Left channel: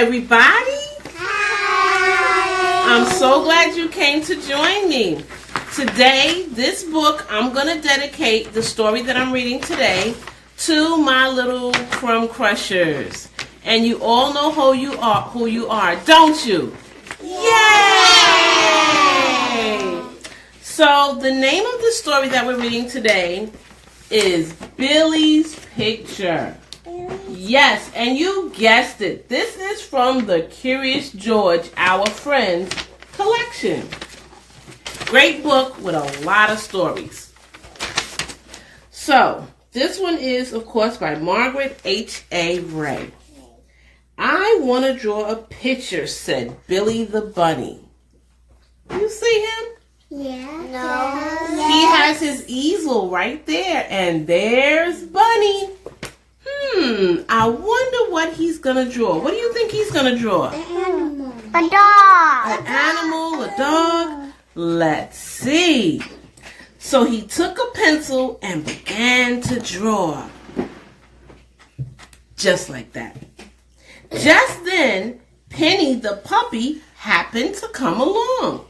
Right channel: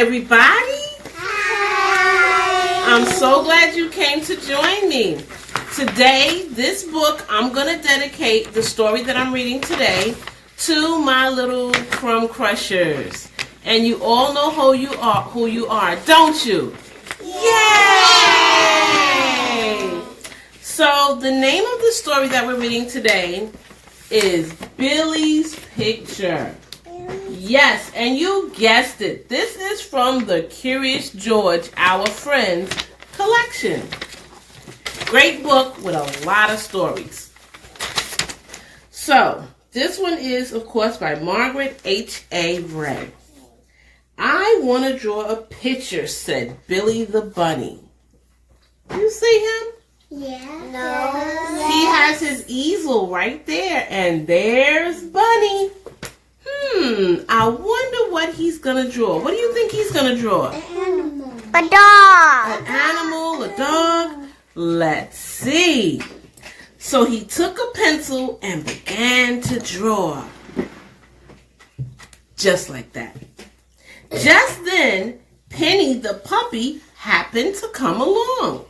everybody. Hi. I'm so glad you came to join me. Today, this book, I'm going to dedicate the story that I'm reading today to my little crumb crushers. And you all know who you are, don't you? Yay! So, the name of the story that we're reading today is Billy's Picture. Yes, and you guessed it. This is from the Curious George, Our Friends collection. Great book with a lot of stories. So, this one is, of course, by Margaret H.A. Ray. I want to draw a picture, said Billy the Bunny. You see him? Yeah. No. He has his easel right there, and there's Bunny. I wonder what he's going to draw. What do you think he's going to draw? An animal. A dog. An animal, a dog? Let's see. So he took a pencil and began to draw. Just like that. Just then, Penny the puppy happened to come along.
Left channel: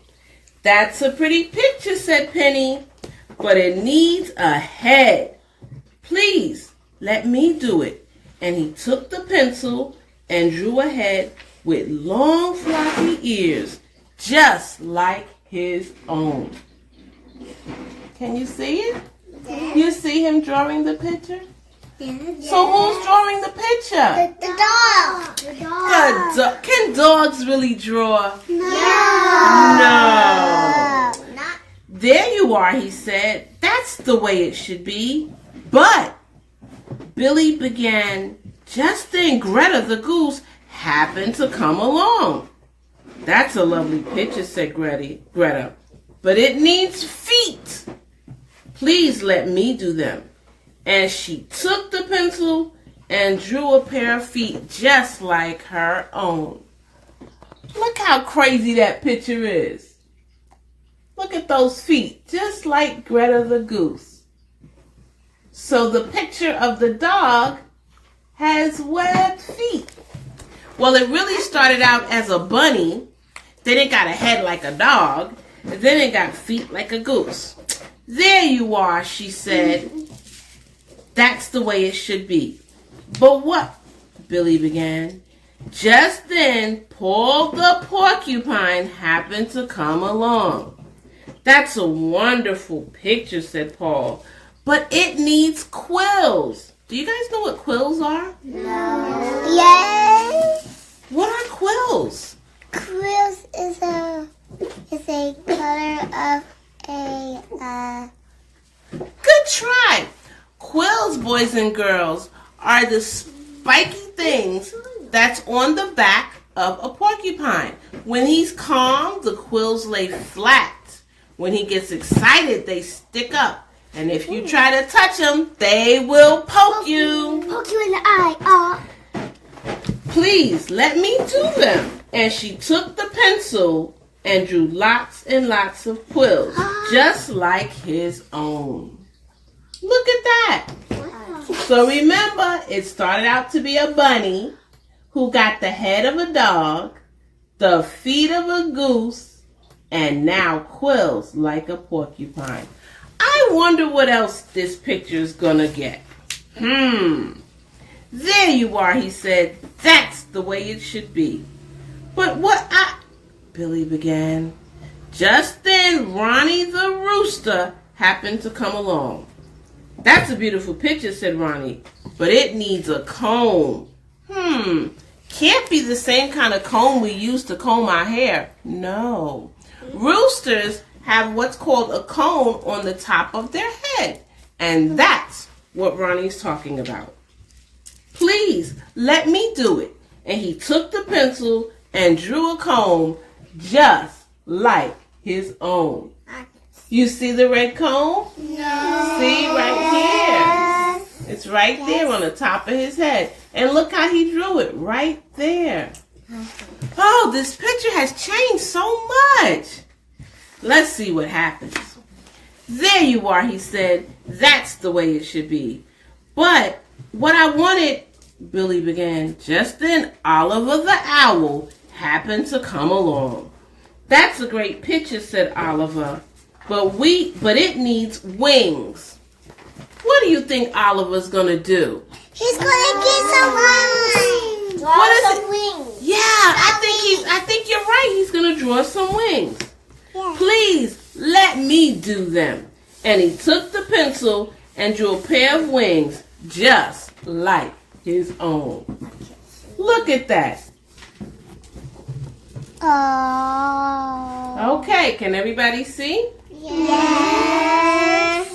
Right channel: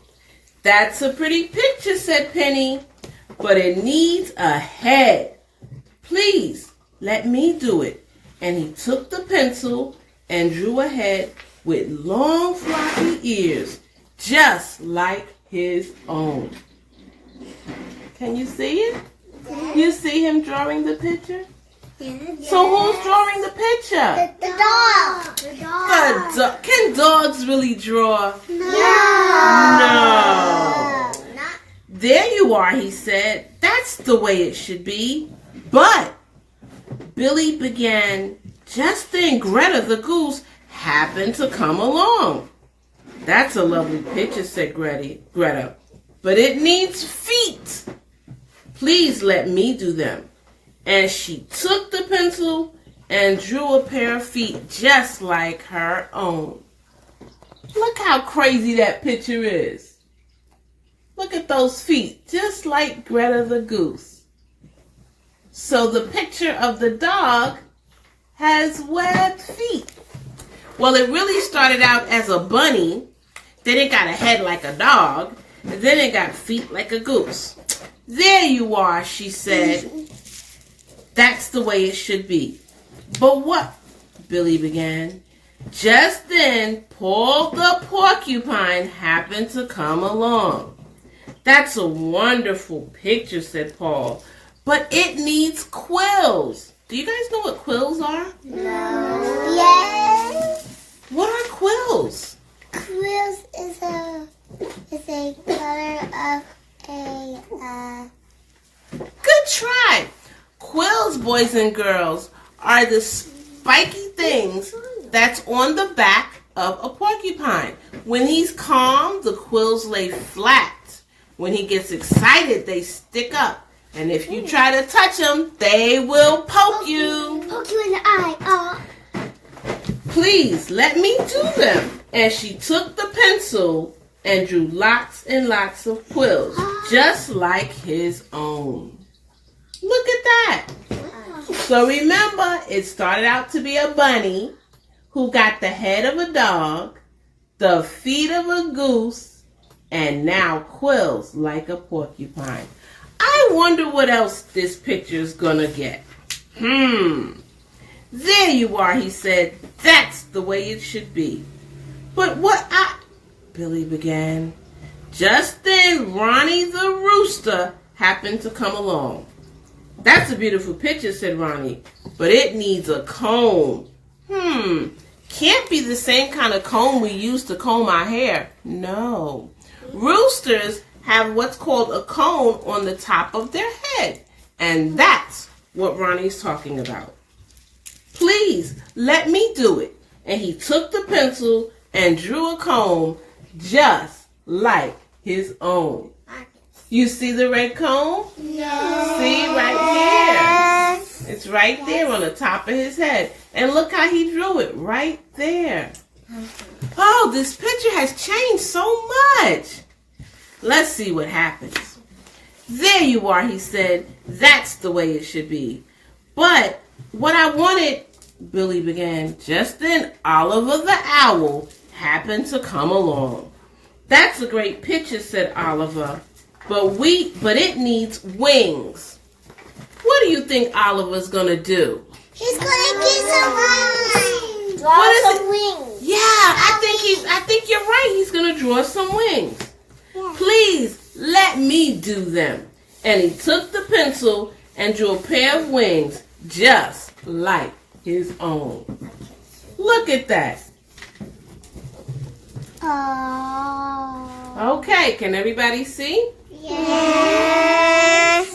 That's a pretty picture, said Penny, but it needs a head. Please, let me do it. And he took the pencil and drew a head with long floppy ears, just like his own. Can you see it? Yeah. You see him drawing the picture? Yeah. So who's drawing the picture? The dog. The dog. Can dogs really draw? No. There you are, he said. That's the way it should be. But Billy began. Just then Greta the goose happened to come along. That's a lovely picture, said Greta. But it needs feet. Please let me do them. And she took the pencil and drew a pair of feet just like her own. Look how crazy that picture is. Look at those feet, just like Greta the goose. So the picture of the dog has webbed feet. Well, it really started out as a bunny, then it got a head like a dog, and then it got feet like a goose. There you are, she said. That's the way it should be. But what? Billy began. Just then, Paul the porcupine happened to come along. That's a wonderful picture, said Paul. But it needs quills. Do you guys know what quills are? No. Yes. What are quills? Quills is a color of a. Good try. Quills, boys and girls, are the spiky things that's on the back of a porcupine. When he's calm, the quills lay flat. When he gets excited, they stick up. And if you try to touch them, they will poke you. Poke you in the eye. Please, let me do them. And she took the pencil and drew lots and lots of quills, just like his own. Look at that. So remember, it started out to be a bunny who got the head of a dog, the feet of a goose, and now quills like a porcupine. I wonder what else this picture is gonna get. There you are, he said. That's the way it should be. But Billy began. Just then, Ronnie the rooster happened to come along. That's a beautiful picture, said Ronnie, but it needs a comb. Can't be the same kind of comb we use to comb our hair. No. Roosters have what's called a cone on the top of their head, and that's what Ronnie's talking about. Please, let me do it. And he took the pencil and drew a comb just like his own. You see the red comb? No. See, right here. It's right there on the top of his head. And look how he drew it, right there. Oh, this picture has changed so much. Let's see what happens. There you are, he said. That's the way it should be. But what I wanted Billy began. Just then, Oliver the owl happened to come along. That's a great picture, said Oliver, but it needs wings. What do you think Oliver's gonna do? He's gonna get some wings. What is it? Wings. Yeah, I think you're right. He's gonna draw some wings. Yeah. Please let me do them. And he took the pencil and drew a pair of wings just like his own. Look at that. Oh. Okay, can everybody see? Yes.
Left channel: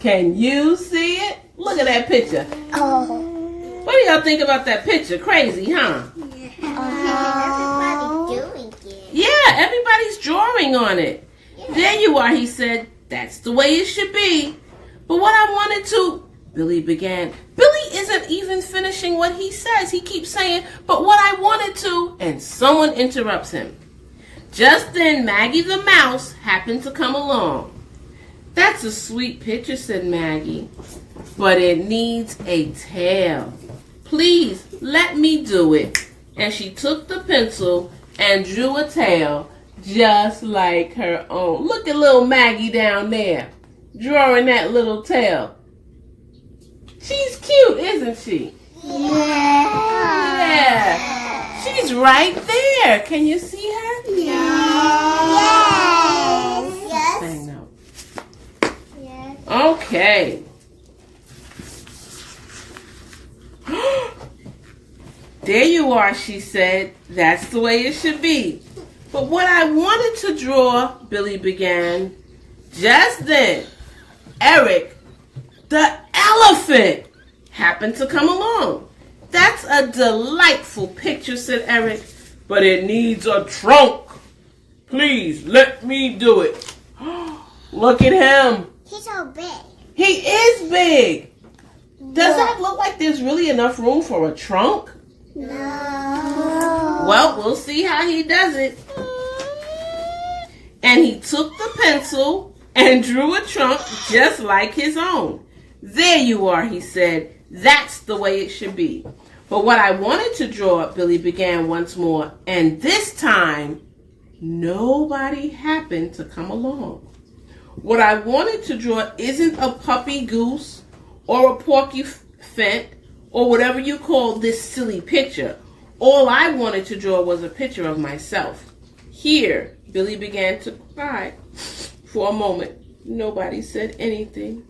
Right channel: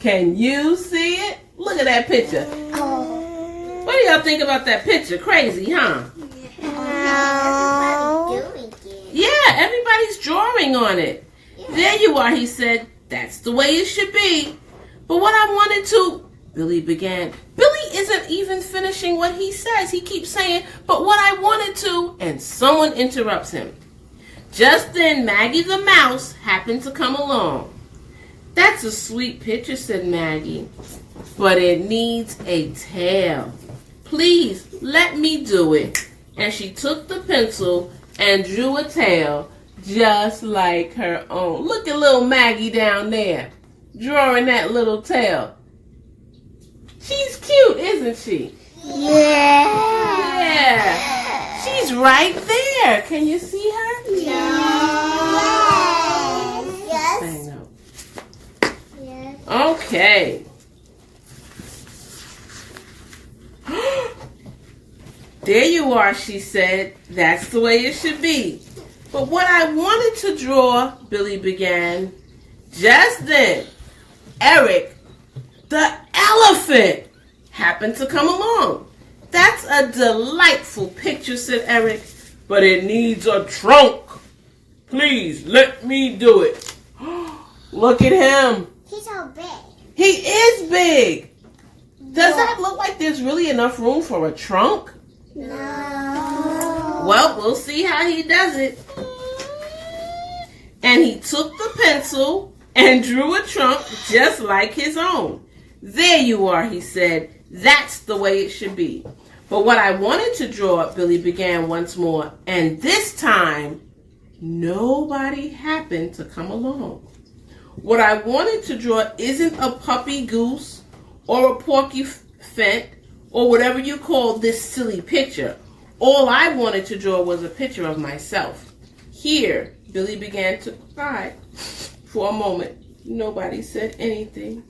Can you see it? Look at that picture. Oh. What do y'all think about that picture? Crazy, huh? Everybody's doing it. Yeah, everybody's drawing on it. There you are, he said. That's the way it should be. But what I wanted to... Billy began. Billy isn't even finishing what he says. He keeps saying, but what I wanted to... And someone interrupts him. Just then, Maggie the mouse happened to come along. That's a sweet picture, said Maggie. But it needs a tail. Please, let me do it. And she took the pencil and drew a tail just like her own. Look at little Maggie down there, drawing that little tail. She's cute, isn't she? Yeah. Yeah. She's right there. Can you see her? Yes. Saying no. Yes. Okay. There you are, she said. That's the way it should be. But what I wanted to draw, Billy began. Just then, Eric, the elephant, happened to come along. That's a delightful picture, said Eric, but it needs a trunk. Please, let me do it. Look at him. He's so big. He is big. Does that look like there's really enough room for a trunk? No. Well, we'll see how he does it. And he took the pencil and drew a trunk just like his own. There you are, he said. That's the way it should be. But what I wanted to draw, Billy began once more, and this time, nobody happened to come along. What I wanted to draw isn't a puppy goose or a porky fent or whatever you call this silly picture. All I wanted to draw was a picture of myself. Here, Billy began to cry. For a moment, nobody said anything.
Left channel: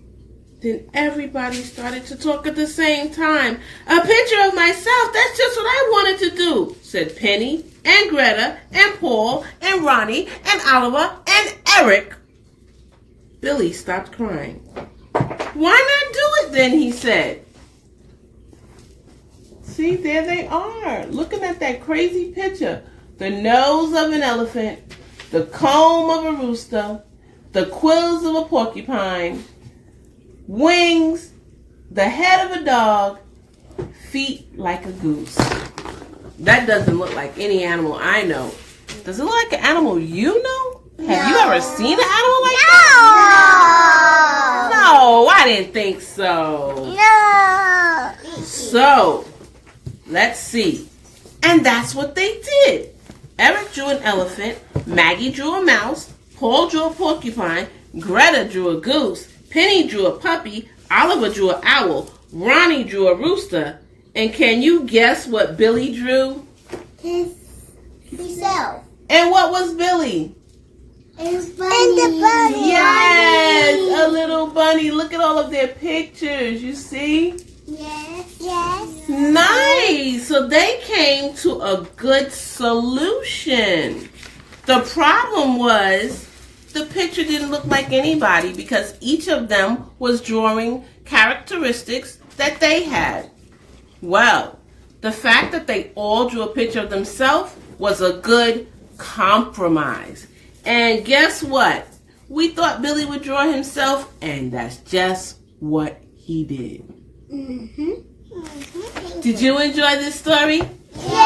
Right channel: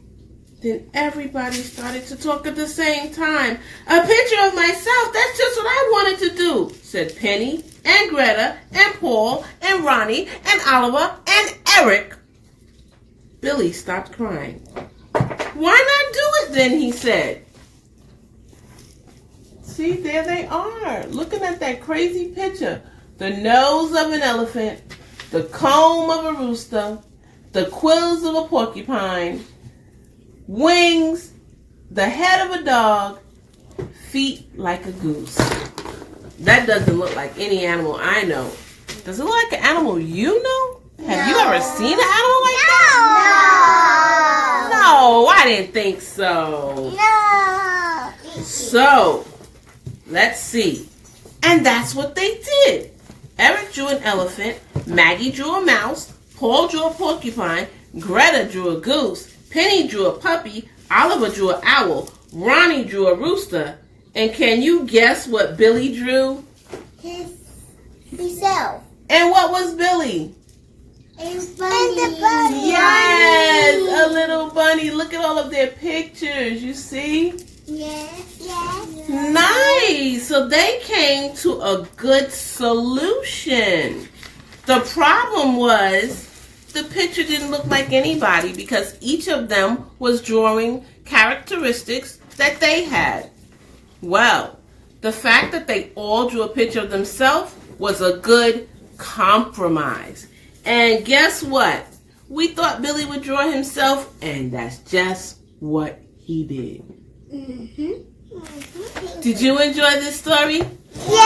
Then everybody started to talk at the same time. A picture of myself, that's just what I wanted to do, said Penny and Greta and Paul and Ronnie and Oliver and Eric. Billy stopped crying. Why not do it then, he said. See, there they are, looking at that crazy picture. The nose of an elephant, the comb of a rooster, the quills of a porcupine, wings, the head of a dog, feet like a goose. That doesn't look like any animal I know. Does it look like an animal you know? Have you ever seen an animal like that? No, I didn't think so. No. So, let's see. And that's what they did. Eric drew an elephant, Maggie drew a mouse, Paul drew a porcupine, Greta drew a goose, Penny drew a puppy, Oliver drew an owl, Ronnie drew a rooster, and can you guess what Billy drew? Himself. And what was Billy? And the bunny. Yes, a little bunny. Look at all of their pictures, you see? Yes. Yes. Nice. So they came to a good solution. The problem was the picture didn't look like anybody because each of them was drawing characteristics that they had. Well, the fact that they all drew a picture of themselves was a good compromise. And guess what? We thought Billy would draw himself, and that's just what he did. Mm-hmm. Did you enjoy this story? Yeah!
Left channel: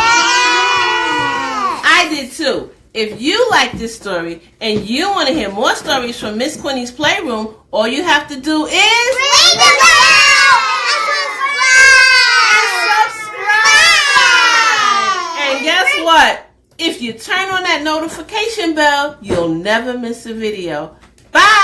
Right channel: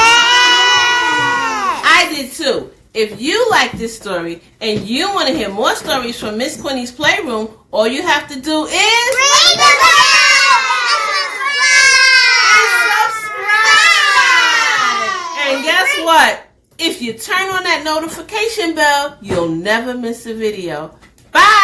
I did too. If you like this story and you want to hear more stories from Miss Quinnie's Playroom, all you have to do is... Ring the bell and subscribe! what? If you turn on that notification bell, you'll never miss a video. Bye!